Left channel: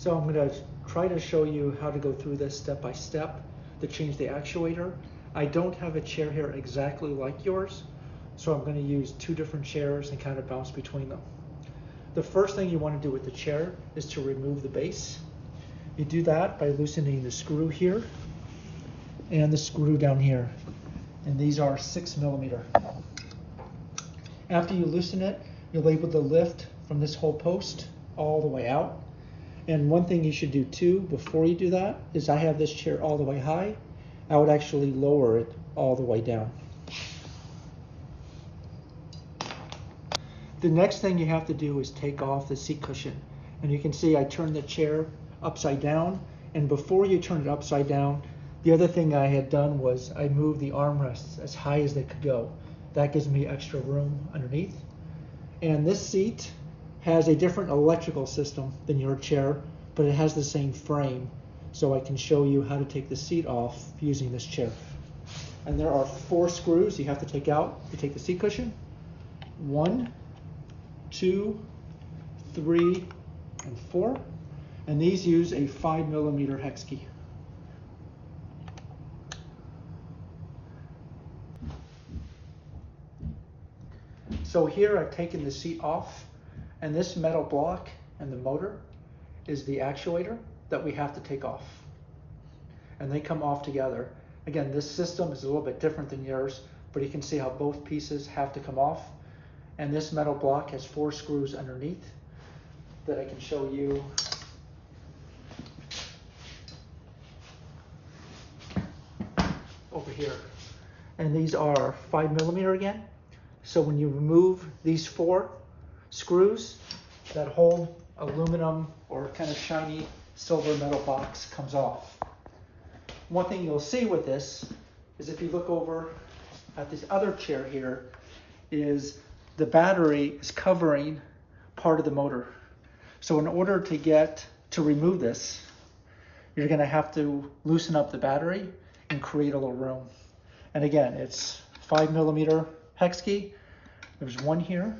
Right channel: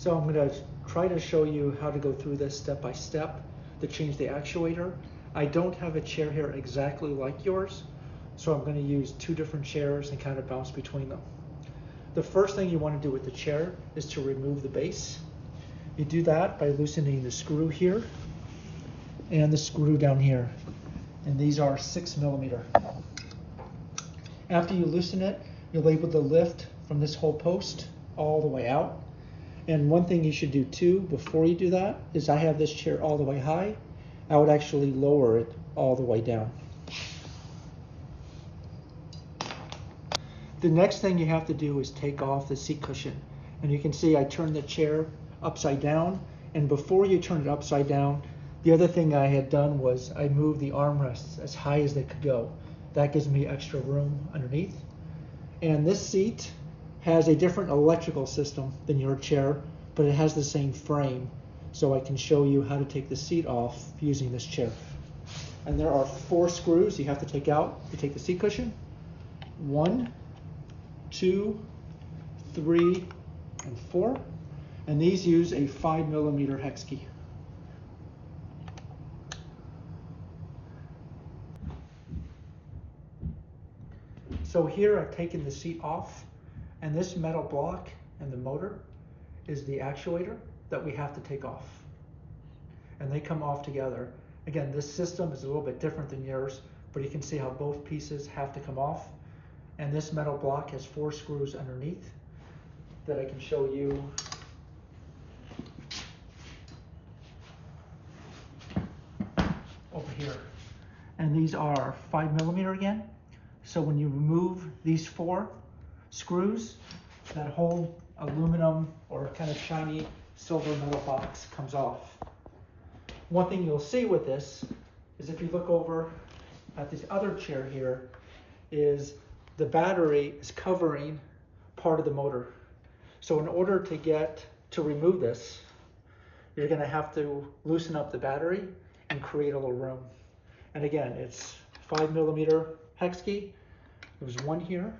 So I'm going to try to show you how to go through this step by step to change the actuator. I don't have a chair here exactly like yours, so I'm going to use two different chairs and kind of bounce between them. The first thing you want to do with the chair is to remove the base. You do that by loosening the screw here and the screw down here, and these are 6mm. After you loosen it, you'll able to lift from this whole post all the way out. And one thing you should do too before you do that is, I have this chair all the way high. I would actually lower it all the way down. The next thing you have to do is take off the seat cushion. And you can see I turned the chair upside down. And before you turn it upside down, the other thing I had done was I moved the armrests as high as they could go. That gives me extra room underneath. And this seat has a different electrical system than your chair, but it has the same frame. So I can show you how to take the seat off using this chair. And there are 4 screws you have to take out to take the seat cushion. 1, 2, 3, and 4. And these use a 5mm hex key. So here I've taken the seat off, and this metal block and the motor is the actuator that we have to take off. And they come off together. Again, this system is a little bit different than yours, but you can see how both pieces have to come off. And this metal block has 4 screws underneath that I can show you. Over here. And these are 5mm again. So when you remove these 4 screws, that whole aluminum or kind of shiny silver metal box comes off. One thing you'll see with this is, if you look over at this other chair here, is the battery is covering part of the motor. So in order to remove this, you're going to have to loosen up the battery and create a little room. And again, it's 5mm hex key. There's one here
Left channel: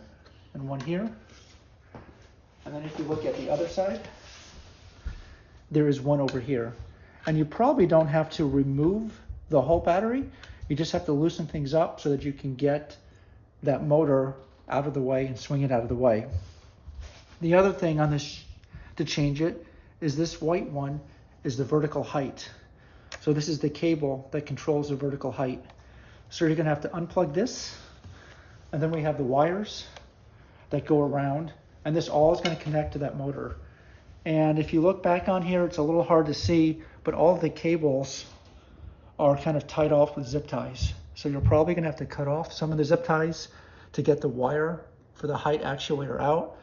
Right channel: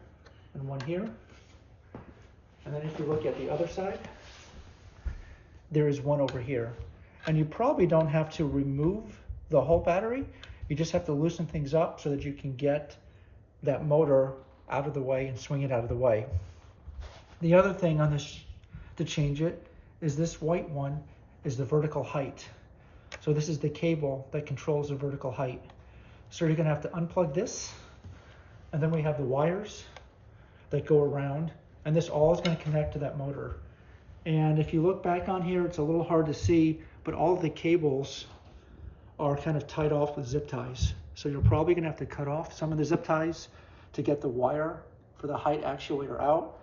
and one here. And then if you look at the other side, there is one over here. And you probably don't have to remove the whole battery. You just have to loosen things up so that you can get that motor out of the way and swing it out of the way. The other thing on this to change it is this white one is the vertical height. So this is the cable that controls the vertical height. So you're gonna have to unplug this, and then we have the wires that go around, and this all is gonna connect to that motor. And if you look back on here, it's a little hard to see, but all the cables are kind of tied off with zip ties. So you're probably gonna have to cut off some of the zip ties to get the wire for the height actuator out.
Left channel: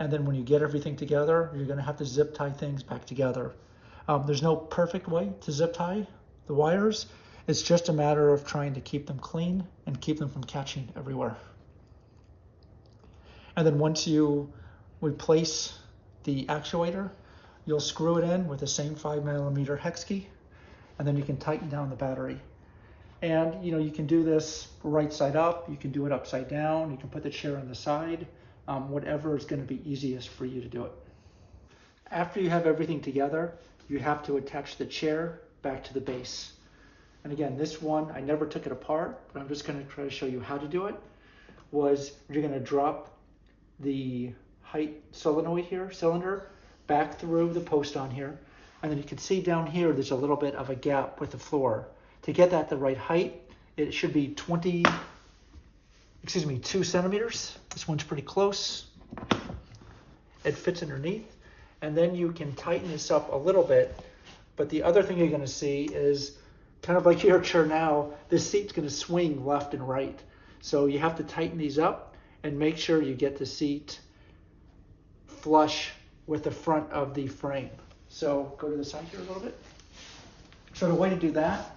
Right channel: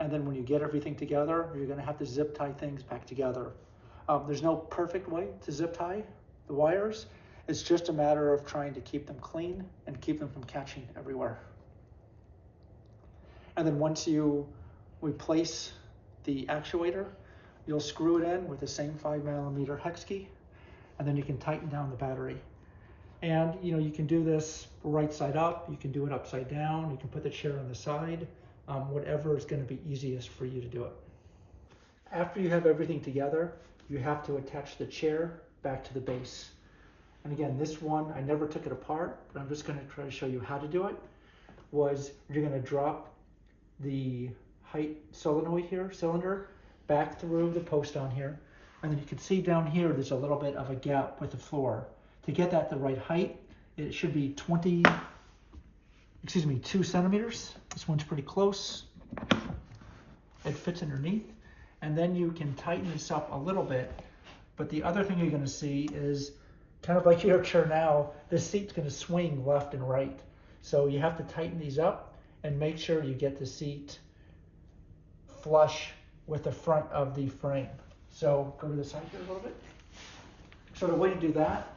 And then when you get everything together, you're gonna have to zip tie things back together. There's no perfect way to zip tie the wires. It's just a matter of trying to keep them clean and keep them from catching everywhere. And then once you replace the actuator, you'll screw it in with the same 5mm hex key, and then you can tighten down the battery. And you can do this right side up, you can do it upside down, you can put the chair on the side, whatever is going to be easiest for you to do it. After you have everything together, you have to attach the chair back to the base. And again, this one, I never took it apart, but I'm just going to try to show you how to do it. You're going to drop the height solenoid here, cylinder, back through the post on here. And then you can see down here, there's a little bit of a gap with the floor. To get that the right height, it should be 2 centimeters. This one's pretty close. It fits underneath. And then you can tighten this up a little bit. But the other thing you're going to see is, kind of like your chair now, this seat's going to swing left and right. So you have to tighten these up and make sure you get the seat flush with the front of the frame. So go to the side here a little bit. So the way to do that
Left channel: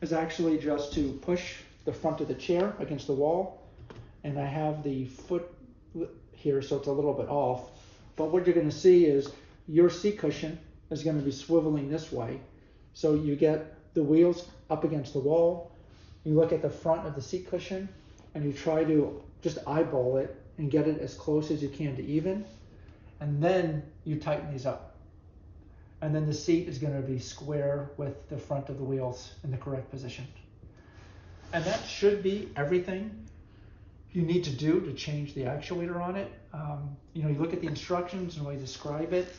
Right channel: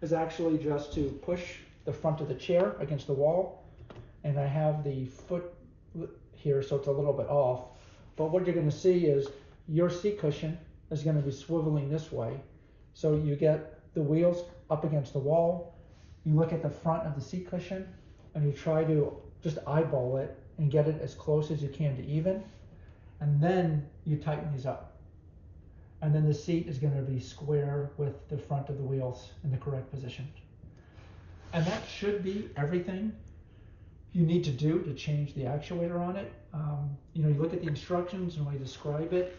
is actually just to push the front of the chair against the wall. And I have the foot here, so it's a little bit off. But what you're going to see is your seat cushion is going to be swiveling this way. So you get the wheels up against the wall. You look at the front of the seat cushion and you try to just eyeball it and get it as close as you can to even. And then you tighten these up. And then the seat is going to be square with the front of the wheels in the correct position. And that should be everything you need to do to change the actuator on it. You look at the instructions and when I describe it,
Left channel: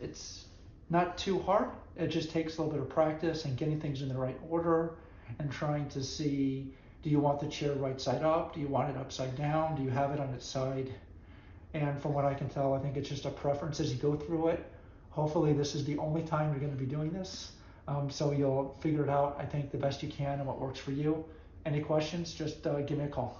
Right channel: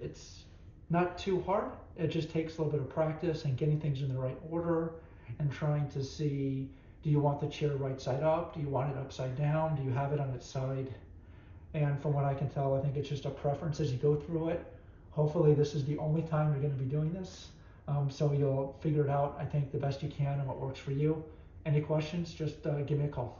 it's not too hard. It just takes a little bit of practice and getting things in the right order and trying to see, do you want the chair right side up? Do you want it upside down? Do you have it on its side? And from what I can tell, I think it's just a preference as you go through it. Hopefully this is the only time you're going to be doing this. So you'll figure it out, I think, the best you can and what works for you. Any questions, just give me a call.